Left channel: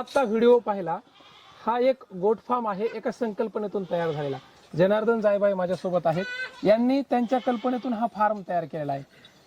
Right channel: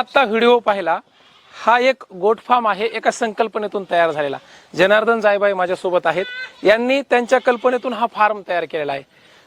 आत्ता व्हिडिओ पाहिला हा एक गोट फार्म आहे एका संकल्पनेतून तयार झालेला. जनार्दन जायबाई माझ्यासोबत आहेत. यांनी त्यांच्या कल्पनेतून हा फार्म तयार केलेला आहे.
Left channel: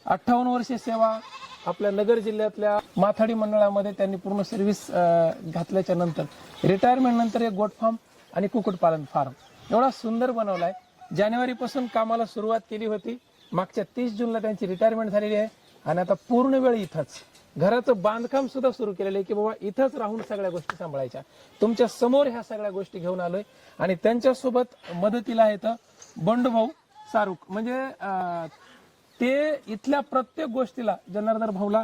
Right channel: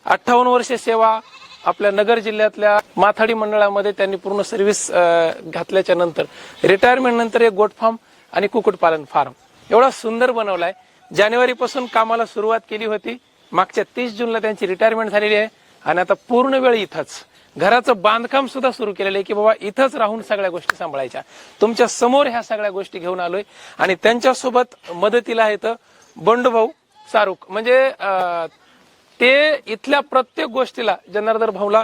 अठ्ठावन्न वर्षे सेवा आपल्या नगर जिल्ह्यातल्या माथाडी मंडळामध्ये त्यांनी पूर्ण सर्व्हिस घातल्याच्या नंतर रिटायरमेंट नंतर एक गोट फार्म आणि कुक्कुटपालन फार्म. एवढा सुंदर बनवलाय. जानेवारीपासून कामाला सुरुवात केली होती. मागच्या तीस जूनला त्यांची रिटायरमेंट झालेली आहे. आणि आता पूर्ण वेळ इथंच. घराचं बांधकाम सुद्धा सुरू केलेलं आहे की बाबा इथंच राहून सगळ्या गोष्टी सांभाळायच्या. तुमच्यासमोर ह्या सगळ्या गोष्टी घेऊन आलोय. आणि त्यांच्यासोबत मदतीला येतं बंडूभाऊ सारुख. म्हणजे ते इथल्या प्रत्येक गोष्टीला जनार्दन भाऊला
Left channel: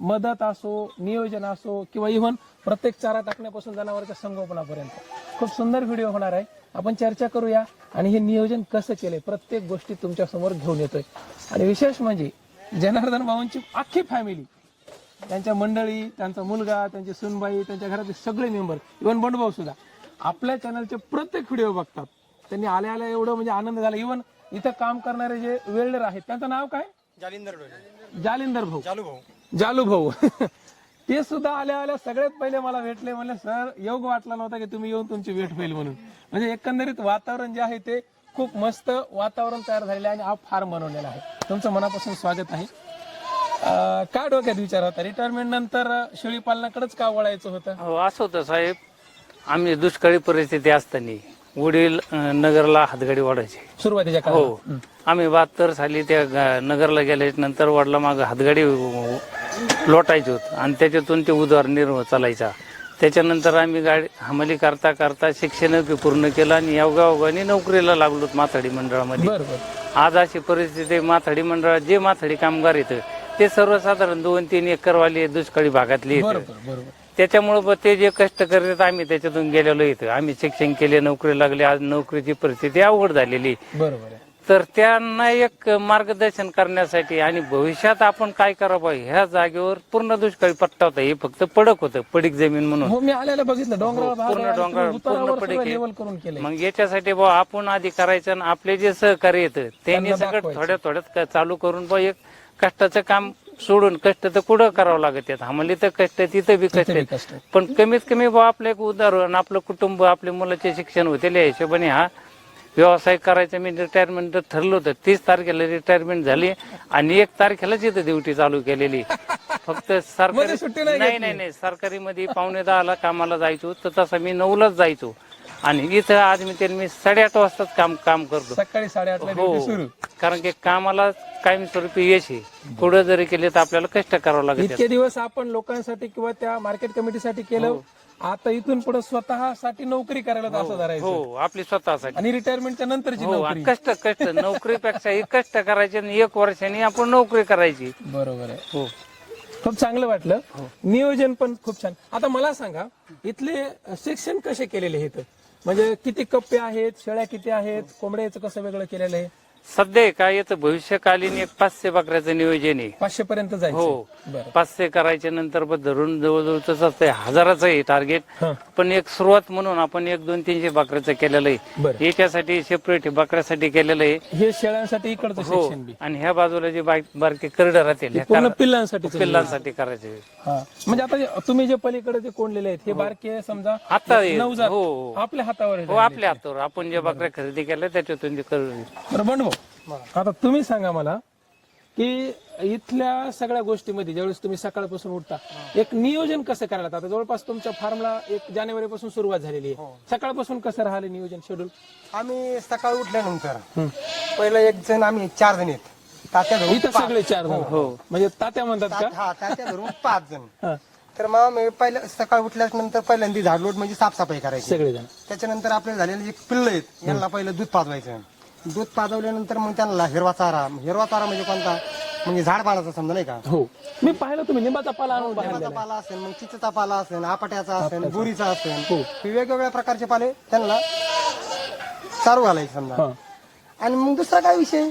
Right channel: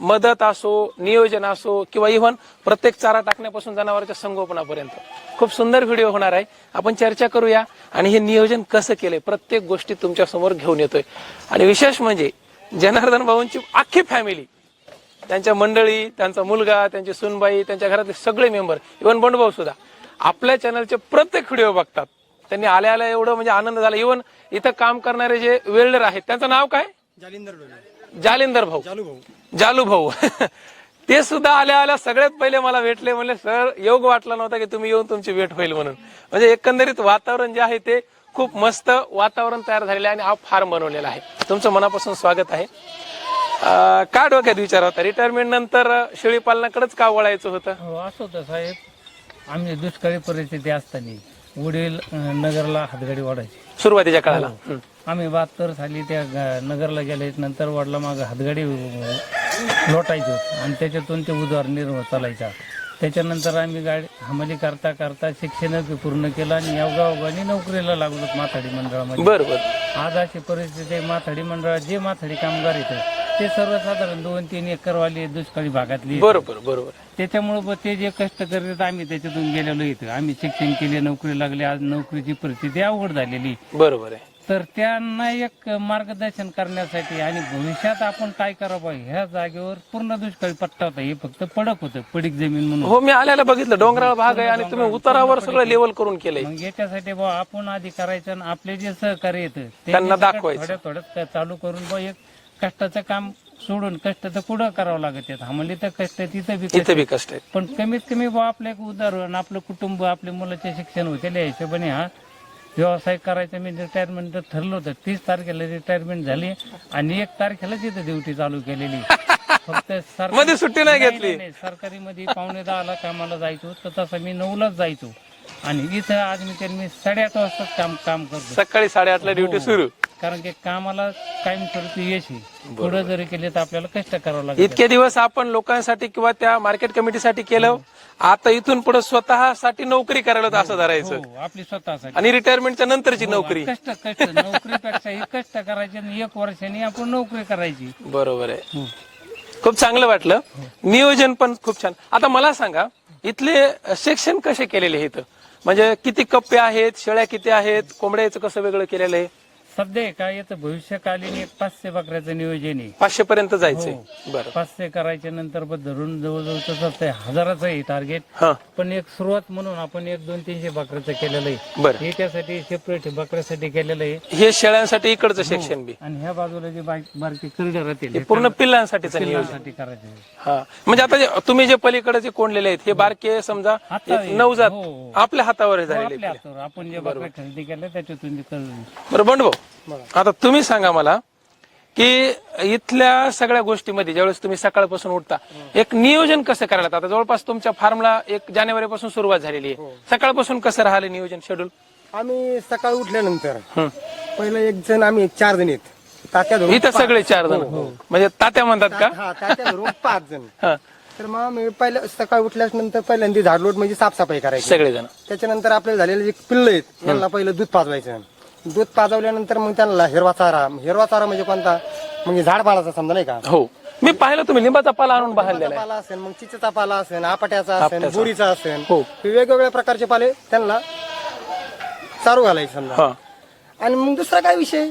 मदत असो नियोजन असो किंवा इव्हन प्रत्येक चारा टाकण्यापासून जनावरांच्या संगोपनापर्यंत. खूप सुंदर व्हिडिओ होणार आहे. आपण चर्चा करूया आणि हे नियोजन कसं केलंय प्रत्येक गोष्टी तुमच्यासमोर घेऊन येतोय. आणि विशेष म्हणजे जनार्दन भाऊंची अख्खी फॅमिली त्यांच्या मंडळी त्यांचा मुलगा त्यांची सुनबाई त्यांच्या घरातले सगळे मेंबर इव्हन बंडभाऊ सुद्धा आपल्या चॅनलचे प्रत्येक व्हिडिओ बघतात. त्यांनी आल्या आल्या एवढं म्हणजे आनंद झाला. इव्हन इथं काम करणारे जे वेल्डर आहेत त्यांचं नाव काय? जालिंदर जालिंदर भाऊ. जालू भाऊ. ते सुद्धा आल्या आल्या सगळ्यात पहिले मला भेटले. म्हणले सर योग वाटला नव्हता की तुम्ही येऊन तुमची भेट होईल म्हणून. म्हणजे एकंदरीत वातावरण जे आहे ते खूप मस्त वातावरण तयार झालेलं आहे आणि हा फार्म बनवलेला आहे. तुमचं मनापासून स्वागत आहे. अं, काय डोक्यात विचार होता. रिटायरमेंट नंतर शेळी पालनाकडेच का वळायचं होतं? हो असं होतं साहेब. आम्ही दुष्काळी परिस्थिती असताना वडील अं, नगरला हातगाडी वाढायचे सुरुवातीच्या काळात हो. आम्ही बहात्तर साली त्या ग- नगरला गेले. नंतर वडिला माग हातगाडी लोटायची आणि त्याच्यातून ते उदरनिर्वाह चालायचा. त्याच्यानंतर आम्ही गाडी हमाली करता करता शिक्षण पूर्ण केलं आणि योगायोगाने नोकरीला लागलो माथाडी मंडळामध्ये. बरं बरं आज अशी परिस्थिती आहे, माथाडी मंडळात जे माथाडी कामगार येतं ते सर्वसाधारण दोन तीन एकरवाली दुष्काळी भागातली. बरोबर बरोबर. त्याच्यामुळे बा ते जे कष्ट करतात आम्ही त्याच्यातून गेलेलो इथं. आम्ही शिक्षण केले नोकरी लागली आज नोकरीची परिस्थिती अवघड झालेली. बरोबर आहे. तर त्यांना एक मार्गदर्शन करण्यासाठी आणि भविष्यात आपण काय करावं पाहिजे ह्या जागेवर पूर्ण दुष्काळी पट्टा होता. हे फक्त पडक होतं पडीक जमीन म्हणून. हो मी आल्याला बघितलं. डोंगराळ भाग आहे आणि तुम्ही उतारावर सगळं लेवल करून केलंय. मग याच्यासाठी बा आपण आधी करायचं आणि आपले जे सहकारी येतं त्यांना दाखवायचं. थोड्या थोड्यात चालू करून बा एक कष्टाचं काम सोडून कष्ट तर कुठं करावं लागत आहेत आम्हाला तर कष्ट तिथं बी कष्ट बी आहे पण कमीत कमी बा आपलं एक उदाहरण आपलं कुटुंब आपल्या मुलाचे शिक्षण होते या हिशोबाने हा व्यवसाय करायचा. मी रिटायरमेंट ठरलं होतं. तीस तारखेला रिटायरमेंट झाली आणि एक तारखेलाच इथं ड्युटी चालू केलेली. फक्त सरकारी- मध्ये सुट्टी नाही घेतली? नाही नाही सरकारी मध्ये पावणे दहाला कामाला जायचो. तर तसं मी नऊलाच जायचो. आणि इथं आज मी त्यांनी मी साडेआठ वाजताच काम काम करतो. सकाळी साडेआठला ड्युटी हो. सुरू. कारण की कामाला कायमस्वरूपी यश आहे. थोडं जरी केले तर आपल्याला कष्ट करावं लागेल. इतके दिवस आपण लोकांसाठी किंवा त्या मार्केट कमिटीसाठी केलं आता इथून पुढे स्वतःसाठी नोकरी करायला होतं असं धरायचं. हो आपली स्वतःसाठी. आणि रिटायरमेंटच्या नंतरची हो, नोकरी. कष्ट कष्ट नोकरीपेक्षा ही कष्ट करायचे आणि एक वर्षाने आपण नोकरी करायची. बरोबर आहे. हो. खूप चांगलं वाटलं. नियोजन पण खूप छान. आता मला सांगा इथले सेक्शन कसे केलेले आहेत म्हणजे किती कप्पे आहेत शेळ्या किती आहेत कोंबड्याचं कसं वेगळं केलेलं आहे? सध्या काय येतं भविष्यकालीन एक पाचशे बकऱ्याचं नियोजन आहे. पाचशे पर्यंत जायचंय. हो. बरं. पाचशे करायच्या नंतर पण धरून जवळजवळ तसं असतंय हजाराचं आहे टार्गेट हा. पण एक सुरुवात म्हणून आपण एक दोन तीनशे बकऱ्याचं केलेलं आहे. बरं. याच्यासाठी सेपरेट बकऱ्यासाठी केलेलं आहे. हे शेळ्यांसाठी इकडचं हो. Section B. आणि ह्या बाजूला जे बारीक बारकी करडर राहतील पूर्ण पिल्लांसाठी पिल्लांसाठी करायचे हा. म्हणजे आता जे- तुम्ही जे पलीकडे जे कोंडलेले आहेत हे बारके समजा आता एक नवजात हो, हो. आपल्या हातावर हो, झालेले. आपल्या हातावर. आपण जे बकऱ्या खरेदी केल्या त्याच्यातून ते करून बरं बंडभाऊ आता तुम्ही सांगा मला की इथल्या सगळ्या गोष्टीमध्ये ज्यावेळेस तुम्ही सकाळपासून उठता एक नियोजन कसं करायला? आता जवळपास तुमच्या फार्मला एक जानेवारी पासून सुरुवात झालेली आहे. सकाळपासून कसं राहिलं नियोजन शेड्यूल आम्ही सकाळी उठल्यानंतर पहिला एक जण आम्ही एक चार जण आहेत तात्या धरून इथं सगळे चार जण. म्हणजे तात्या म्हणतात का? हा तात्या धरून पाच जण. हा. तर मग मी पहिलं सकाळी उठल्यानंतर पहिल्यांदा झाडलोट म्हणजे साफसफाई करायची. सगळे जण त्याच्यानंतर आपल्याला झालेले जे पिल्ल आहेत त्यांना पहिलं दूध पाजवायचं. दूध पाजवल्यानंतर मग त्यांना हिरवा चारा. हिरवा चारा म्हणजे कोणता? म्हणजे झाडपालाचा समजा नाही का? हो. मी पाहिलं तुम्ही लिंबाचा पाला आणून बाहेर पाला असेल मग चिचेचा पाला असेल आपट्याचा असेल बोरीचा असेल हो. वेगवेगळ्या प्रकारचे पाले त्यांना चारू घालायचे समजा. हा. आणि मग दुसरा काय विषय?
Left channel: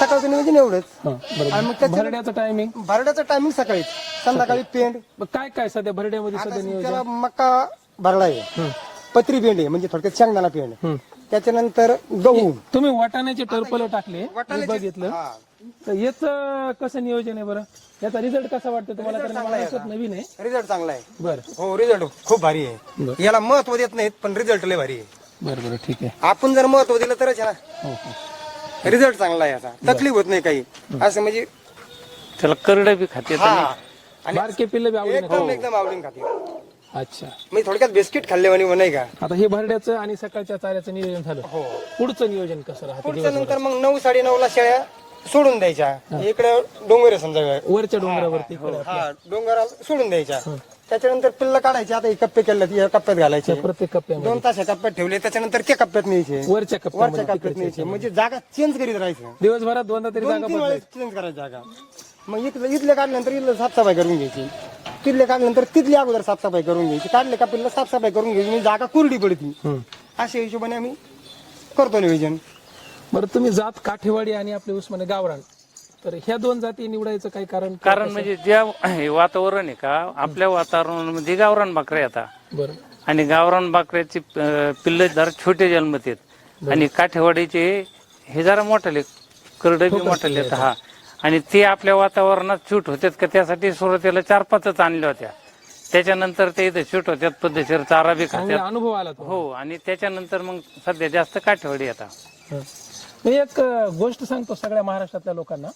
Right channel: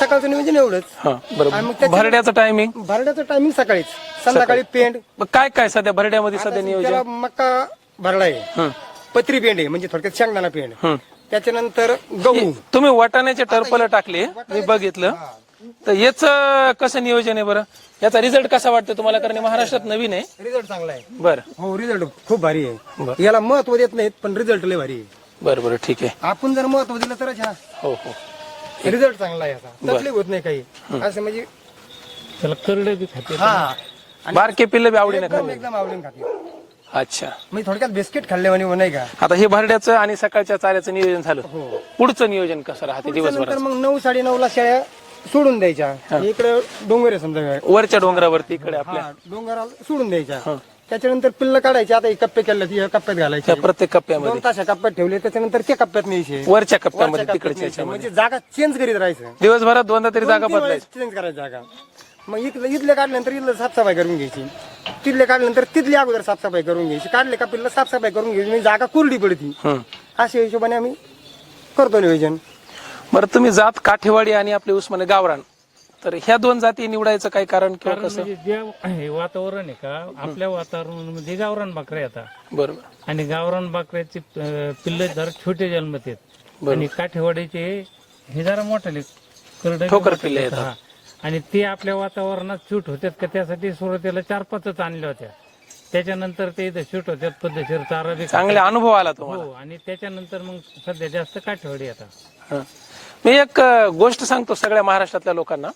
सकाळचं नियोजन एवढंच. हा आणि बरोबर मग त्याच्या- भरड्याचं टायमिंग भरड्याचं टायमिंग सकाळीच. संध्याकाळी पेंड. काय काय सध्या भरड्यामध्ये सध्या नियोजन? त्याला मक्का भरडा आहे. हं. पत्री पेंड आहे म्हणजे थोडक्यात शेंगदाणा पेंड. हं. त्याच्यानंतर गहू. तुम्ही वाटाण्याचे टर्पल टाकले मी बघितलं. तर याचं कसं नियोजन आहे बरं? याचा रिझल्ट कसा वाटतो तुम्हाला? कारण महाराष्ट्रात नवीन आहे. रिझल्ट चांगला आहे. बरं. हो रिझल्ट खूप भारी आहे. याला महत्त्व देत नाहीत पण रिझल्ट लय भारी आहे. बरं बरं ठीक आहे. आपण जर महत्त्व दिलं तरच हा. हो हो. रिझल्ट चांगला आहे याचा. तकलीफ होत नाही काही. असं म्हणजे त्याला करडे बी खाते बारके पिल्ल बी आवडीने एकदम एकदम आवडून खाते. अच्छा. मी थोडक्यात बिस्किट खाल्ल्यावानी नाही का? आता हे भरड्याचं आणि सकाळच्या चाऱ्याचं नियोजन झालं. पुढचं नियोजन कसं राहते दिवसभर नंतर मग नऊ साडे नऊ ला शेळ्या सोडून द्यायच्या. इकडे डोंगर आहे समजा. वरच्या डोंगरावरती इकडे आपल्या. हा डोंगराला सोडून द्यायच्या. त्याच्यानंतर पिल्ल काढायची आता हे कप्पे केले ती कप्प्यात घालायचे. प्रत्येक कप्प्यामध्ये. दोन तास कप्प्यात ठेवले त्याच्यानंतर ते कप्प्यात न्यायचे. वरच्या कप्प्यामध्ये कप्प्यात तिकडच्या न्यायचे. म्हणजे जागा चेंज करीत राहायचं. दिवसभरात दोनदा तरी जागा दोन-तीन वेळेस चेंज करायची जागा. मग इथलं इथले काढल्यानंतर इथलं साफसफाई करून घ्यायची. तिथले काढल्यानंतर तिथली अगोदर साफसफाई करून घ्यायची. काढले का पिल्लं साफसफाई करून घ्यायची म्हणजे जागा कोरडी पडती. अशा हिशोबाने आम्ही करतो नियोजन. बरं तुम्ही जात काठेवाडी आणि आपले उस्माने गावरान. तर ह्या दोन जाती निवडायचं काही कारण किंवा कारण कसं? म्हणजे ज्या हे वातावरण आहे का आपल्या वातावरणामध्ये गावरान बकऱ्या येतात. बरोबर आणि गावरान बकऱ्याची अं, पिल्लं जरा छोटे जन्मत आहेत आणि काठेवाडीचे हे जरा मोठाले करडे ठोकर पिल्लं हा. आणि ते आपल्या वातावरणात शूट होतात का त्यासाठी सुरुवातीला चार पाचच आणल्या होत्या. त्याच्यानंतर ते इथं शूट होत्यात पद्धतशीर चारा बी. चांगले अनुभव आला तो हो आणि त्याच्यानंतर मग सध्या जास्त काठेवाडी येतात हं. मी एक अ, गोष्ट सांगतो सगळ्या महाराष्ट्रातल्या लोकांना.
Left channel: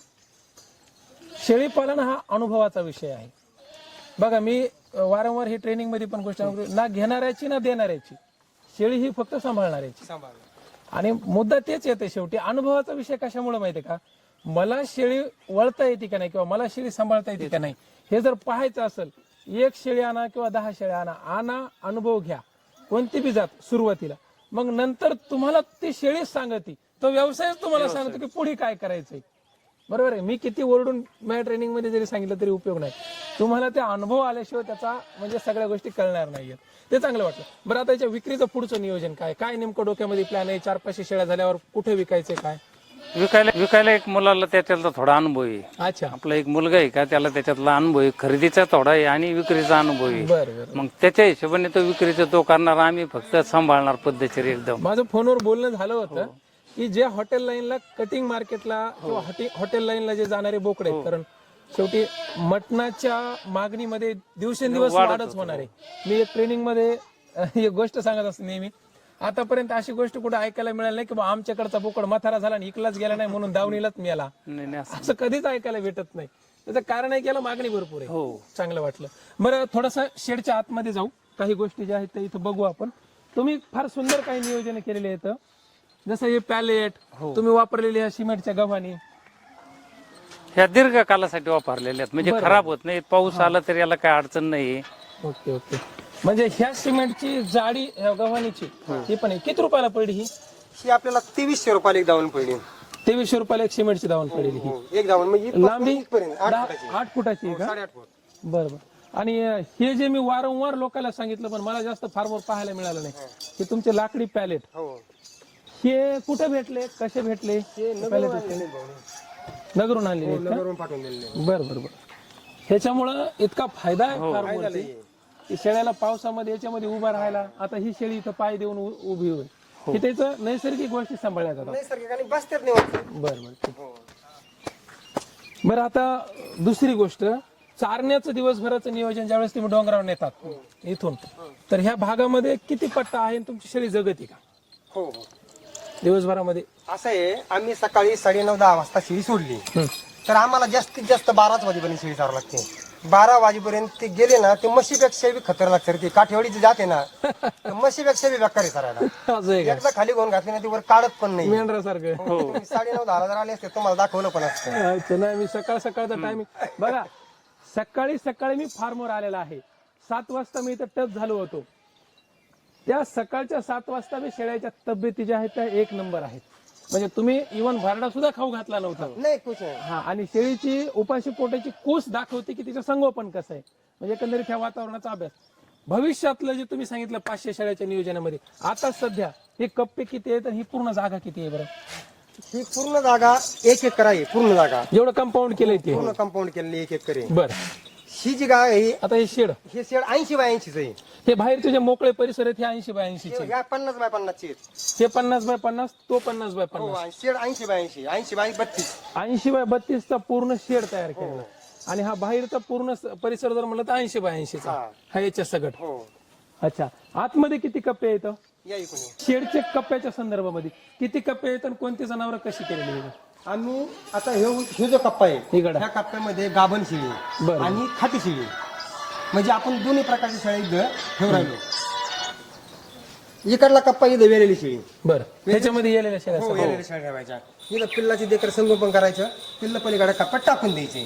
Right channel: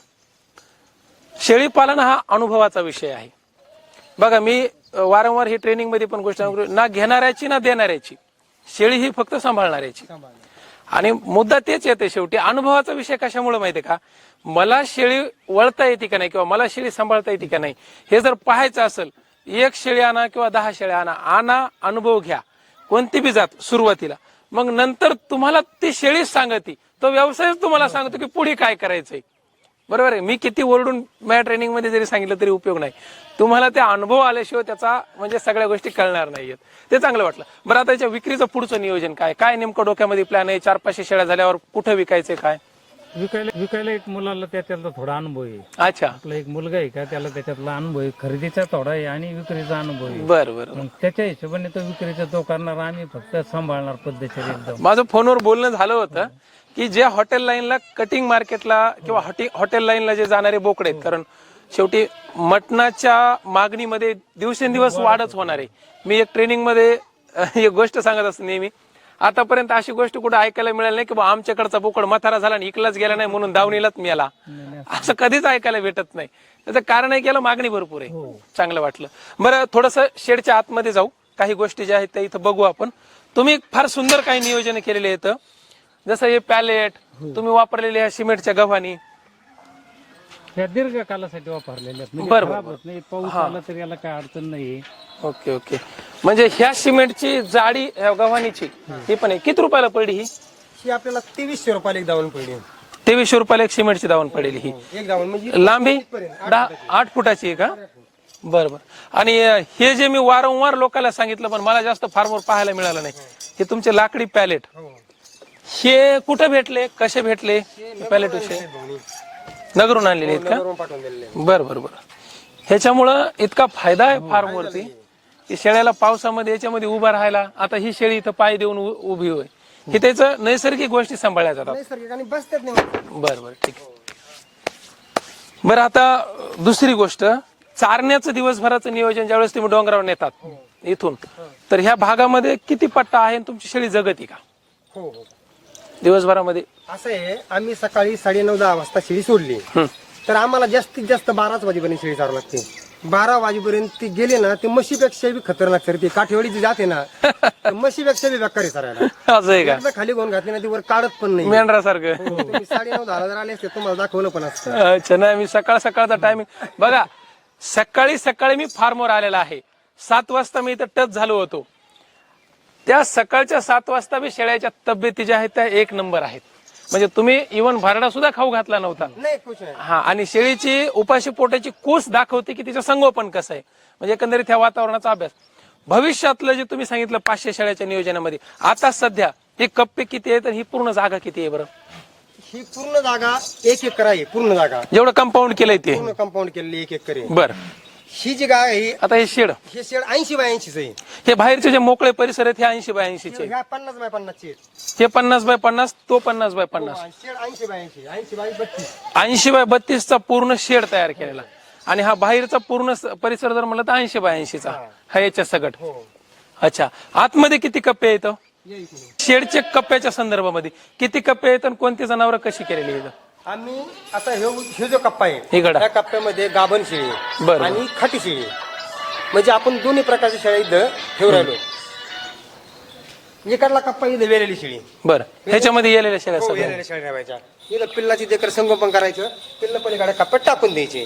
शेळी पालन हा अनुभवाचा विषय आहे. बघा मी अ, वारंवार ही ट्रेनिंगमध्ये पण गोष्ट सांगतो. ना घेणाऱ्याची ना देणाऱ्याची. शेळी ही फक्त सांभाळणाऱ्याची. आणि मुद्दा तेच येते शेवटी. अनुभवाचा विषय कशामुळे माहितीये का? मला शेळी वळता येते का नाही किंवा मला शेळी सांभाळता येते का नाही हे जर पाहायचं असेल एक शेळी आणा किंवा दहा शेळ्या आणा आणा अनुभव घ्या. कोणती बी जात सुरुवातीला. मग नंतर तुम्हाला ती शेळीच सांगते. तो व्यवसायच तुम्हाला सांगतो की पुढे काय करायचंय. बरोबर आहे? मी किती ओरडून माझ्या ट्रेनिंगमध्ये जरी सांगितलं तरी उपयोग नाही. तुम्हाला ते अनुभव आल्याशिवाय त्याचा म्हणजे सगळ्या गोष्टी कळणार नाहीयेत. ते चांगलं वाटलं. बरं आता याच्या विक्रीचं पुढचं नियोजन काय? काय नेमकं डोक्यामध्ये प्लॅन आहे? चार पाचशे शेळ्या झाल्यावर कुठं विकायचे काय? विकायला विकायला एक मुलाला त्याच्यातला थोडा अनुभव आहे. अच्छा. आपला एक मुलगा आहे का त्याला त्याच्यातला अनुभव आहे. खरेदीचा थोडा आहे आणि विक्रीचा अनुभव आहे. बरं बरं. मग त्याच्या हिशोबाने तो विक्रीचा तो करणार आम्ही फक्त सांभाळणार पद्धतशीर एकदम. माझं फोनवर बोलणं झालं होतं की जे हॉटेल लाईनला कटिंग मार्केटला किंवा हॉटेल लाईनला जे जाणारे बोकडे आहेत कारण शेवटी मटणाच्या मागणीमध्ये दिवसेंदिवस वाढच होणार आहे. मी एक ट्रेनिंगमध्ये एक गोष्ट सांगत असतो नेहमी आतापर्यंत अशी गोष्ट कुठे ऐकायला मिळाली नाही की बा आमच्याकडचा बोकड म्हातारा झाला आणि इकलाच गेला नाही म्हणून दावणीलाच मिळाला असं कधीच ऐकायला भेटत नाही. त्याचं कारण आहे की याला मागणी भरपूर आहे. चांगलं वाटलं. बरं थोडस शेडच्या आतमध्ये जाऊ. काही गोष्टी ज्या आहेत त्या इथं बघू आपण. तुम्ही फार सुंदर काही नियोजन केलेले आहेत. जसं हे पॅलेट तुम्ही वापरलेले ह्या सिमेंटच्या गव्हाणी. ह्या दीर्घकालासाठी वापरलेल्या आहेत. म्हणजे खराब होत नाही पाऊस आला तरी याला काय अडचण नाही ओके ओके. म्हणजे ह्या सिमेंटची जाडी ह्या गव्हाणीची ही पण आहे. किती रुपयाला पडली ही? ही आपल्याला तेवीसशे रुपयाला एक दावण पडली. तेवीसशे रुपयाला एक सिमेंटची दावण पडलेली ही. एक दावण म्हणजे लांबी? आठ दहा आठ फुटाची आहे का? बरं बरं. आणि हे जे मी वारंवार लोकांना सांगितलं पण मला जास्त फार्मवर पाहायला मिळालं नाही. हे तुमचे लाकडी पॅलेट हो. हे कुठे भेटले? कसे भेटले? पॅलेट विषयी. नगरून आणलेले आहेत का? बरं बरं बरं. ह्याच्यामुळं इतका फायदा आहे फार्मवरती? शेळ्याला पावसामध्ये याच्यामध्ये उभा राहायला आता ही शेळी इथं पाय देऊन उ- उभी होय. की त्याचं नैसर्गिक गोष्टी सांभाळल्या जातात. नैसर्गिक आणि बसतात नाही वरती. बरं बरं ठीक आहे. बरं आता दुसरी गोष्ट चारण्याचं दिवसभराचं नियोजन ज्यावेळेस तुम्ही डोंगरावर नेतात इथून तर ह्या भागामध्ये किती पट्टा आहे आणि तुमची शेळी जगती का? हो हो. दिवसभरामध्ये. असं आहे आम्ही सकाळी साडेनऊ दहा वाजता शेळी सोडली. हं. तर आम्हाला जास्तीत जास्त बाराच वाजेपर्यंत शेळी चारावं लागते बारा वाजेपर्यंत ती गेली ना ती म्हशीपेक्षा बी खतरनाक सर ती काठेवाडीची जाते ना तर म्हशीपेक्षा बी बेकारी सरायला असं आहे का? एकदा खाली घेऊन घातली ना ती वर काढत पण नाही. मेंढरासारखं. तुम्ही साडेनऊ दहा आले असते तुम्हाला दाखवलं पण असतं. अच्छा नाही मी सकाळ सकाळचा टायमिंग बघा सकाळी सकाळी मी फार्मवर आलेला आहे. सात वाजता मी इथं टच झालो होतो. त्या सकाळच्या सात वाजता मी शेळ्याच्या तब्येती ज्या आहेत त्या एक नंबर आहेत. म्हणजे तुम्ही इवन भारडा सुद्धा खाऊ घातला नव्हता. नाही खुश आहे. हा आणि शेळीची उपाशी पोटाची कूस दाखवते की तिचं संगोपन कसं आहे. म्हणजे एकंदरीत ह्या वातावरणाचा अभ्यास. भविष्यातलं जे तुम्ही सांगितलं पाचशे शेळ्याच्या नियोजनामध्ये आता सध्या हे कप्पे किती आहेत आणि ही पूर्ण जागा किती आहे बरं? ही पूर्ण जागा एक एकर आहे पूर्ण जागा. जेवढं कंपाऊंड केलंय ते. पूर्ण कंपाऊंड केलेली एक एकर आहे. बर. ही जी गाय आहे आता हे शेड. हे शेड ऐंशी बाय ऐंशीच आहे. हे बाहेरचे जे मोकळे परिसर आहेत हे ऐंशी बाय ऐंशीचे ह्या पन्नास बाय पन्नासची आहेत. हे पन्नास बाय पन्नास तो पन्नास बाय पन्नास. हो, शेड ऐंशी बाय ऐंशी ऐंशी बाय बत्तीस. ऐंशी बाय बत्तीसचा पूर्ण शेड तयार केलेला आणि हा बाहेरचा पूर्ण स- परिसर जर म्हणलं तर ऐंशी बाय ऐंशीचा. हा याच्या सगट. हो. अच्छा. आतमध्ये किती कप्पे आहेत? या इकडून. शेडचे कप्प्याच्या संदर्भामध्ये. किती कप्पे आहेत आणि कोणती जनावरं कशी केलेली आहेत? आम्ही आता हे हे जो कप्पा आहे. त्या कप्प्यामध्ये गाभण शेळी आहे बरं. आणि खाटी शेळी आहे. म्हणजे आपण दोन्ही प्रकारची शेळी इथं ठेवून राहिलो. इकडला कप्पा इथे वेलेली शेळी. बरं. ह्याच्यामध्ये येलेल्या शेळ्या हो वेलेल्या शेळ्या ठेवायच्या. इथं पिल्लाची देखील संगोपन करायचं पिल्ल पलीकडे कप्प्यात टाकून द्यायचे.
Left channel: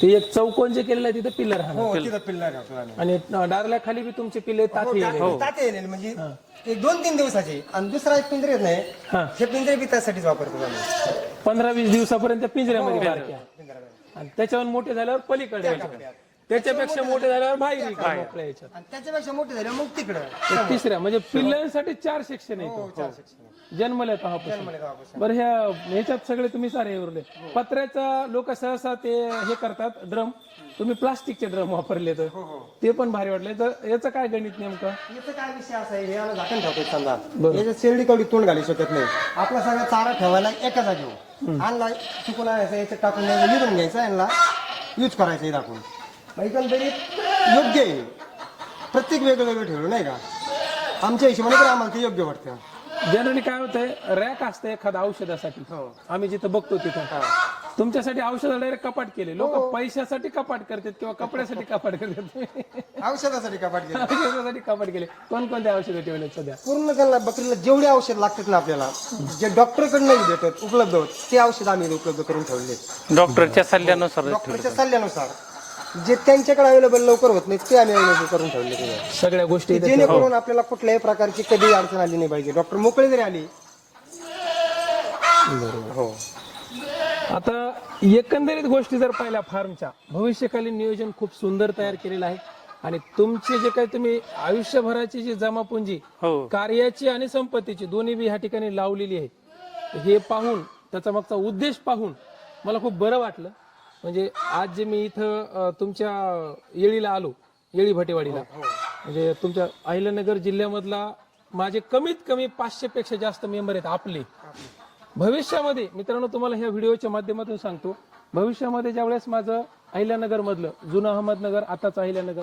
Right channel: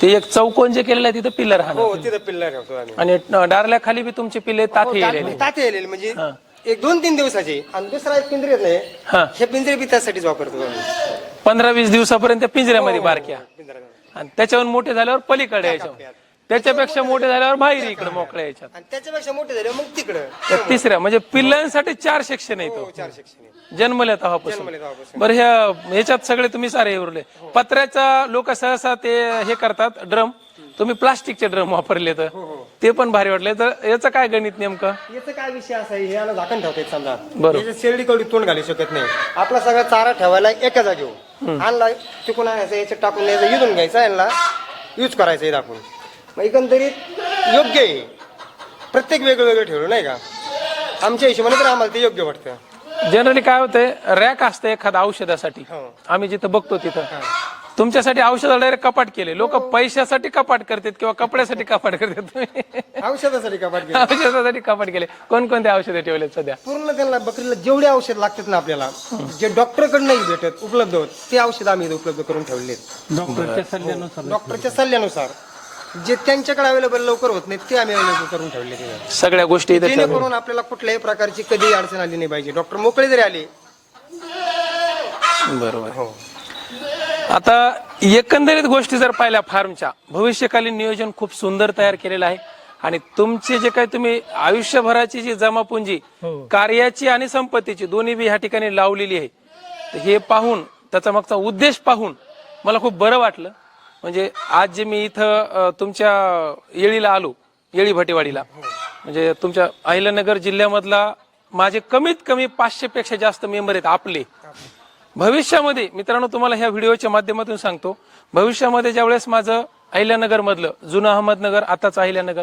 ते एक चौकोन जे केलेलं आहे तिथं पिल्लर हो राहणार तिथं पिल्ल ठेवतो आम्ही. आणि डारल्या खाली बी तुमचे पिल्ले ताथे येलेले. ताते येलेले. म्हणजे एक दोन तीन दिवसाचे. आणि दुसरा एक पिंजरे नाही. हा. हे पिंजरे बी त्यासाठीच वापरतो आम्ही. पंधरा वीस दिवसापर्यंत त्या पिंजऱ्यामध्ये बारक्या पिंजऱ्यामध्ये. आणि त्याच्यावर मोठे झाल्यावर पलीकडे यायच्या त्याच्यापेक्षा मोठे झाल्यावर बाहेर इकडे मोकळ्या याच्यात. आणि त्याच्यापेक्षा मोठे झाले मग तिकडं. तर तिसऱ्या म्हणजे पिल्लांसाठी चार सेक्शन आहे तो. चार सेक्शन जन्मल्या तेव्हापासून. जन्मले तेव्हापासून. बरं ह्या ह्याच्यात सगळे तुम्ही सारे हे उरले. पत्र्याचा लोक सहसा ते हे करतात ड्रम. तुम्ही प्लास्टिकचे ड्रम वापरले तर ते पण भारी वाटले. तर याचं काय गणित नेमकं? याचा काय विषय असा आहे याला झाकण ठेवतात समजा. बरोबर. शेरडी कवडी तोंड घालू शकत नाही. आपला सगळा चारा ठेवायला एका जागेवर आणला तिकून आणायचा याच्यात टाकून द्यायचा युजून घ्यायचा यांना यूज करायचं हे दाखवून मग एकंदरीत योग्य आहे. प्रत्येक वेगळं वेगळं ठेवलं नाही का? आमच्या हिशोबाने तर आम्हाला ते योग्य वाटतं. जनरली काय होतंय रॅक असतं एखाद्या औषधासाठी. आम्ही जिथं बघतो तिथं. तुमच्यासाठी औषध डायरेक्ट कपाट केले. लोक पैशासाठी कपाट करतात किंवा कपड्यासाठी कपाट करतात. औषधासाठी कपाट गेलं औषधासाठी कपाट केले. कोणकोणते औषधे ठेवलेत सध्या? पूर्ण त्यांना बकरीला जेवढे औषध लागतात ना आपल्याला जे डॉक्टरकडे नाही भेटत उपलब्ध होत ते औषध आम्ही इथे उपलब्ध करून ठेवले डॉक्टरच्या सल्ल्यानुसार. डॉक्टरच्या सल्ल्यानुसार. जे त्यांच्याकडे अवेलेबल लवकर होत नाही ते आम्ही अवेलेबल करून ठेवले. सगळ्या गोष्टी इथे ठेव- जेणेकरून आपल्याला कुठल्याही प्रकारची कधी अडचण आली नाही पाहिजे. डॉक्टर मोकळे जरी आले. बरोबर. हो. आता एकंदरीत गोष्टी जर पाहिल्या फार्मच्या भविष्यकालीन नियोजन खूप सुंदर तयार केलेलं आहे. आणि तुमचे जे काही तुम्ही आयुष्यभराची जी जमापुंजी हो. कार्याची आणि संपत्तीची दोन्ही बी ह्या ठिकाणी लावलेली आहे. तर हे पाहून त्याचा मागचा उद्देश पाहून मला खूप बरं वाटलं. म्हणजे आज जे मी इथं तुमच्या येळीला आलो येळी भटेवाडीला. म्हणजे तुमच्या अहिल्यानगर जिल्ह्यामधला माझे कमीत कमी पाचशे पेक्षा जास्त मेंबर आहेत आपले. भविष्यामध्ये मित्रांनो तुम्हाला ह्या व्हिडिओच्या माध्यमातून सांगतो भविष्यामध्ये ज्यावेळेस माझं अहिल्यानगर मधलं जुनं अहमदनगर आताच अहिल्यानगर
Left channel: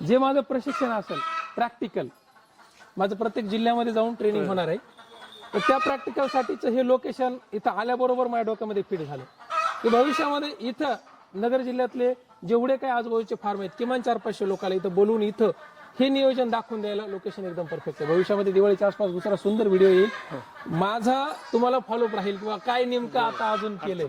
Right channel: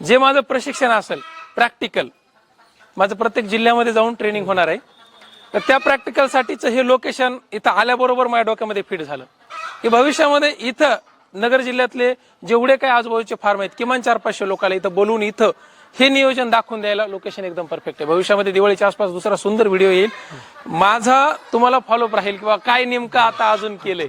जे माझं प्रशिक्षण असेल प्रॅक्टिकल माझं प्रत्येक जिल्ह्यामध्ये जाऊन ट्रेनिंग होणार आहे तर त्या प्रॅक्टिकलसाठीचं हे लोकेशन इथं आल्याबरोबर माझ्या डोक्यामध्ये फिट झालं. की भविष्यामध्ये इथं नगर जिल्ह्यातले जेवढे काही आजूबाजूचे फार्म आहेत किमान चार पाचशे लोकांना इथं बोलवून इथं हे नियोजन दाखवून द्यायला लोकेशन एकदम परफेक्ट आहे. भविष्यामध्ये दिवाळीच्या आसपास दुसरा सुंदर व्हिडिओ येईल. माझा तुम्हाला फॉलोअप राहील किंवा काय नेमकं आता अजून केलंय.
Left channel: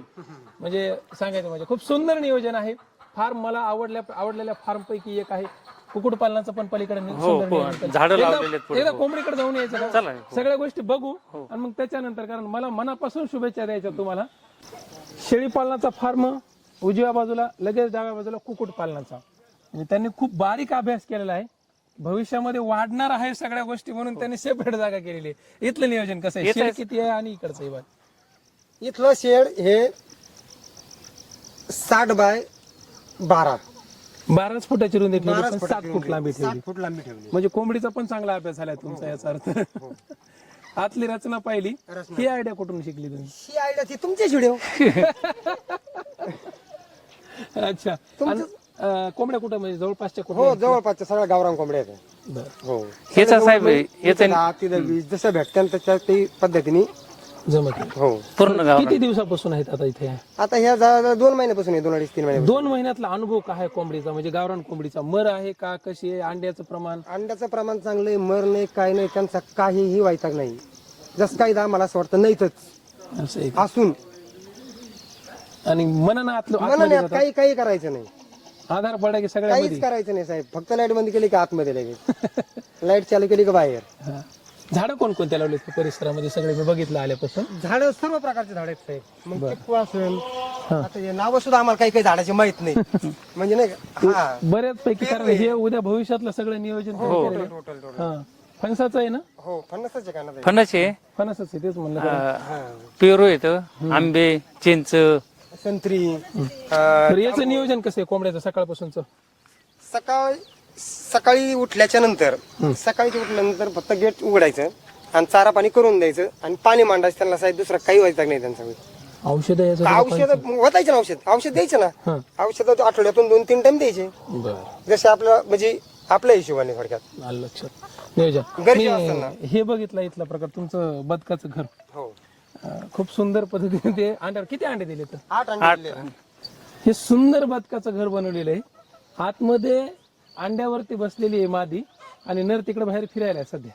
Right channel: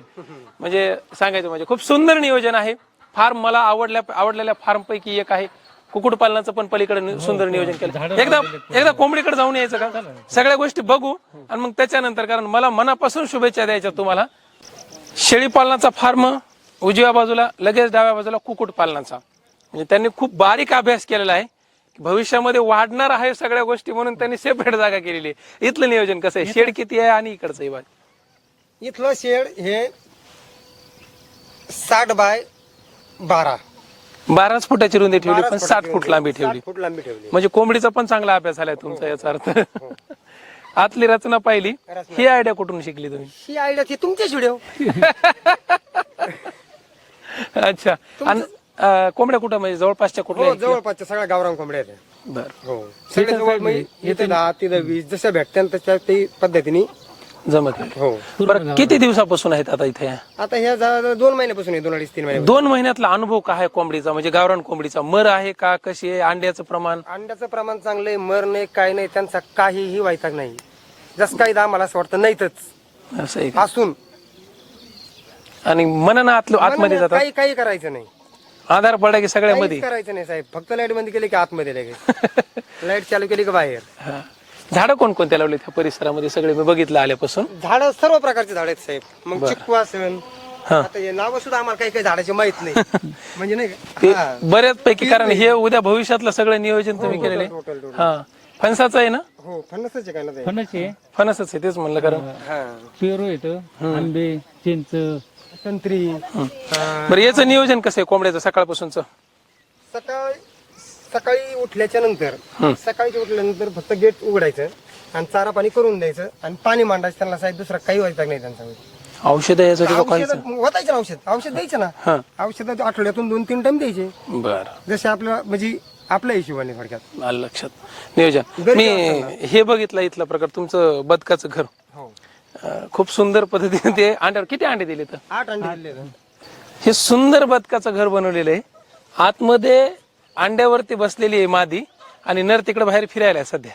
म्हणजे सांगायचं म्हणजे खूप सुंदर नियोजन आहे. फार्म मला आवडल्या आवडलेल्या फार्म पैकी एक आहे. कुक्कुटपालनाचं पण पलीकडे नि- सुंदर नियोजन केलं. झाडं एकदा एकदा कोंबडीकडे जाऊन यायचं का? सगळ्या गोष्टी बघू आणि मग त्याच्यानंतर कारण मला मनापासून शुभेच्छा द्यायच्या तुम्हाला. शेळी पालनाचा फार्म उजव्या बाजूला लगेच डाव्या बाजूला कुक्कुट पालनाचा. म्हणजे त्यांनी खूप बारीक अभ्यास केलेला आहे. भविष्यामध्ये वाढणार आहे सगळ्या गोष्टी म्हणून त्यांनी सेपरेट जागा केलेली आहे. इथलं नियोजन कसं आहे? शेड किती आहे आणि इकडचं बाय इथलं शेड हे साठ बाय बारा. बाराच फुटाची रुंदी ठेवली पण साठ फूट लांबी ठेवली. फूट लांबी ठेवली. म्हणजे कोंबडीचा पण चांगला अभ्यास झालाय तुमचा याचा अर्थ. आतली रचना पाहिली. ही आयडिया कुठून शिकली तुम्ही? ही आयडिया ते तुमच्याच व्हिडिओ अच्छा. आणि अं, कोंबड्या कुठं म्हणजे जवळपासच्या हो? जवळपासच्या सगळ्या गावरान कोंबड्या आहेत. बरं. हो. साहेब येते दहा तिथं वीस जसं भेटत्या तशा ते पद्धतीने जमत नाही. हो. बरं, किती दिवसापासून आहेत आता इथे? आता ह्या जा- दोन महिन्यापासून आहे दोन अडीच तीन महिने दोन महिन्यातला अनुभव काय आहे कोंबडीचा? म्हणजे गावरान कोंबडीचा. मर आहे का? कशी आहे? अंड्याचं प्रमाण? अंड्याचं प्रमाण चांगलं आहे मर नाही काय नाही त्यांचा काहीही व्हायचा नाही. जसं काही आम्हाला असं वाटतं नाहीतच. असं आहे का? असून. आणि मनन आतलो आतमध्ये जातात? काही काही करायचं नाही. आधार पडा की सगळ्यामध्ये? काहीच करायचं नाही साहेब. फक्त लाइट बंद केली की आतमध्ये लगेच. लाइट चालू केली की बाहेर? हा. झाडं कोणकोणत्या लावले त्या परिसरामध्ये? सगळे मी बघितलं आल्यापासून. झाड सर्व प्रकारचे झाड आहेत साहेब. मग चिक्कू असेल आता हे नाव सुद्धा आम्हाला काही काही झाडाचे माहीत नाही. म्हणजे नाही ते का हा. बऱ्याचपैकी कारण हे उद्या भविष्यातलं सगळं नियोजन तुम्ही केलेलं टोटल टोटल. आहे हा. फणसाचं आहे ना? हो पन्नासच आहे का ना ते? फणस आहे. फणसच आहे तेच म्हणलं कारण. हा पेरू येतं आंबे चिंच. संत्री. हा, बरं याचं नियोजन कसं आहे कोंबड्याचं सकाळपासूनच? सकाळी सकाळी उठल्याच्या नंतर सकाळी उठल्यानंतर फक्त गेट उघडायचं आणि चारा पाणी करून द्यायचं आणि पाणी मांडायचं त्यांना साहेब दुसरं काही व्हायचं नाही त्यांचं. औषध यासाठी लोकांचं? होतायचं ना औषध. औषध द्यायचं हा. ना औषध आठवड्यातून दोन तीन टाइम द्यायचे. बर. जसे आपल्या म्हणजे आपल्या हिशोबाने थोडक्यात. आलं लक्षात. नियोजन. मी हे बघितलं इथलं प्रकार तुमचं बदकाचं घर. हो. खूप सुंदर पद्धतीने ते अंड्यावर किती अंडे दिले तर आठ. हे सुंदर बदकाचं घर बनवलेलं आहे. आतमध्ये अंड्यावरती बसलेली आहे मादी आणि नर तिकडे बाहेर फिरायला आहे सध्या.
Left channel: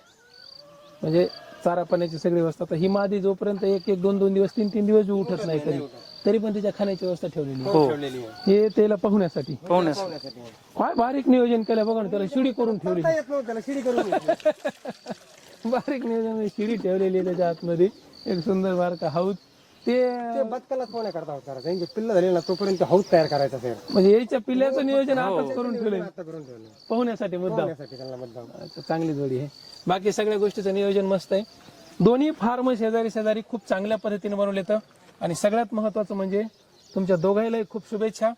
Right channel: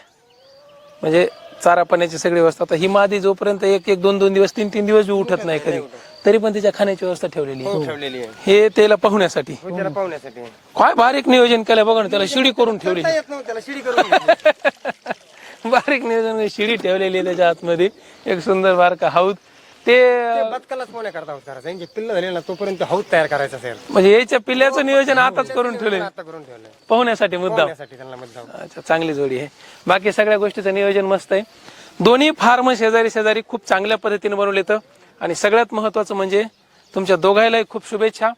म्हणजे चारा पाण्याची सगळी व्यवस्था. आता ही मादी जोपर्यंत एक एक दोन दोन दिवस तीन तीन दिवस उठत नाही कधी तरी पण तिच्या खाण्याची व्यवस्था ठेवलेली आहे. आहे. हे त्याला पाहुण्यासाठी. काय बारीक नियोजन केलं बघा ना त्याला शिडी करून ठेवली. बारीक नियोजन शिडी ठेवलेली आहे त्याच्या आतमध्ये. एक सुंदर बारका हौद ते बदकालाच करता होत करायचं? यांचे पिल्ल झाले ना तोपर्यंत हौद तयार करायचा सर. म्हणजे याच्या पिल्ल्याचं नियोजन आताच करून ठेवले आता करून ठेवलं पाहुण्यासाठी मुद्दा त्यासाठी त्यांना मुद्दाम. अच्छा चांगली जोडी आहे. बाकी सगळ्या गोष्टीचं नियोजन मस्त आहे. दोन्ही फार्म शेजारी शेजारी खूप चांगल्या पद्धतीने बनवले तर आणि सगळ्यात महत्वाचं म्हणजे तुमच्या दोघायलाही खूप शुभेच्छा.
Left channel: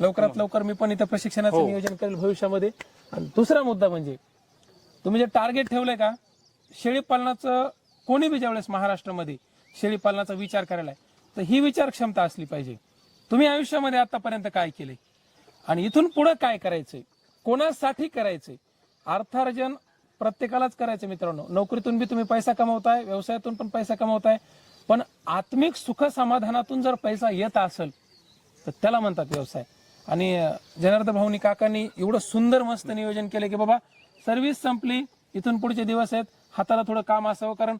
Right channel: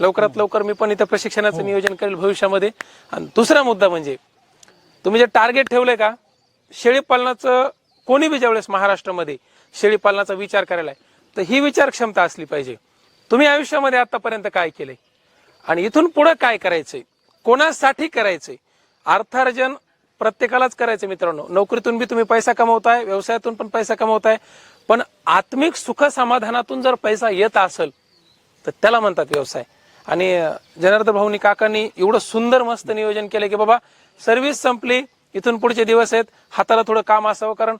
लवकरात लवकर मी पण इथं प्रशिक्षणाचं नियोजन करेल भविष्यामध्ये. आणि दुसरा मुद्दा म्हणजे तुम्ही जे टार्गेट ठेवलंय का? शेळीपालनाचं कोणी बी ज्यावेळेस महाराष्ट्रामध्ये शेळीपालनाचा विचार करायला आहे तर ही विचार क्षमता असली पाहिजे. तुम्ही आयुष्यामध्ये आतापर्यंत काय केलंय? आणि इथून पुढे काय करायचंय? कोणासाठी करायचंय? अर्थार्जन प्रत्येकालाच करायचं मित्रांनो. नोकरीतून बी तुम्ही पैसा कमवताय व्यवसायातून पण पैसा कमवताय. पण आत्मिक सुख समाधानातून जर पैसा येत असेल तर त्याला म्हणतात व्यवसाय. आणि जनार्दन भाऊनी काकांनी एवढं सुंदर मस्त नियोजन केलं की बाबा सर्व्हिस संपली इथून पुढचे दिवस आहेत हाताला थोडं काम असावं. कारण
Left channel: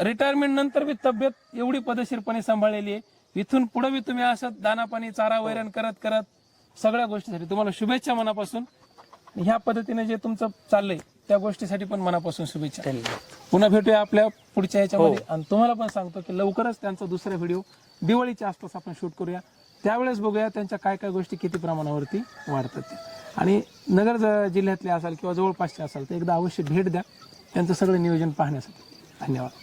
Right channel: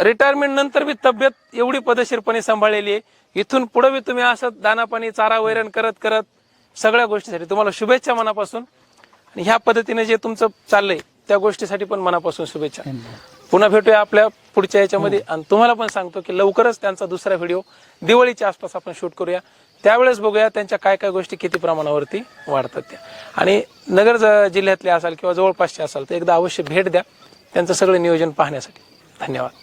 रिटायरमेंट नंतर बी तब्येत एवढी पदशीरपणे सांभाळलेली आहे. इथून पुढे बी तुम्ही असं दाना पाणी चारा वैरण करत करत सगळ्या गोष्टीसाठी तुम्हाला शुभेच्छा मनापासून. आणि ह्या पद्धतीने जे तुमचं चाललंय त्या गोष्टीसाठी पण मनापासून शुभेच्छा. पुन्हा भेटूया आपल्या पुढच्या याच्यामध्ये. आणि तुम्हाला पण सांगतो की लवकरच त्यांचा दुसरा व्हिडिओ दिवाळीच्या आसपास आपण शूट करूया. त्यावेळेस बघूया त्यांच्या काय काय गोष्टी किती प्रमाणावरती वाढतात त्या. आणि नगर जिल्ह्यातले असाल किंवा जवळपासचे असाल तर एकदा अवश्य भेट द्या. त्यांचं सगळं नियोजन पाहण्यासाठी. धन्यवाद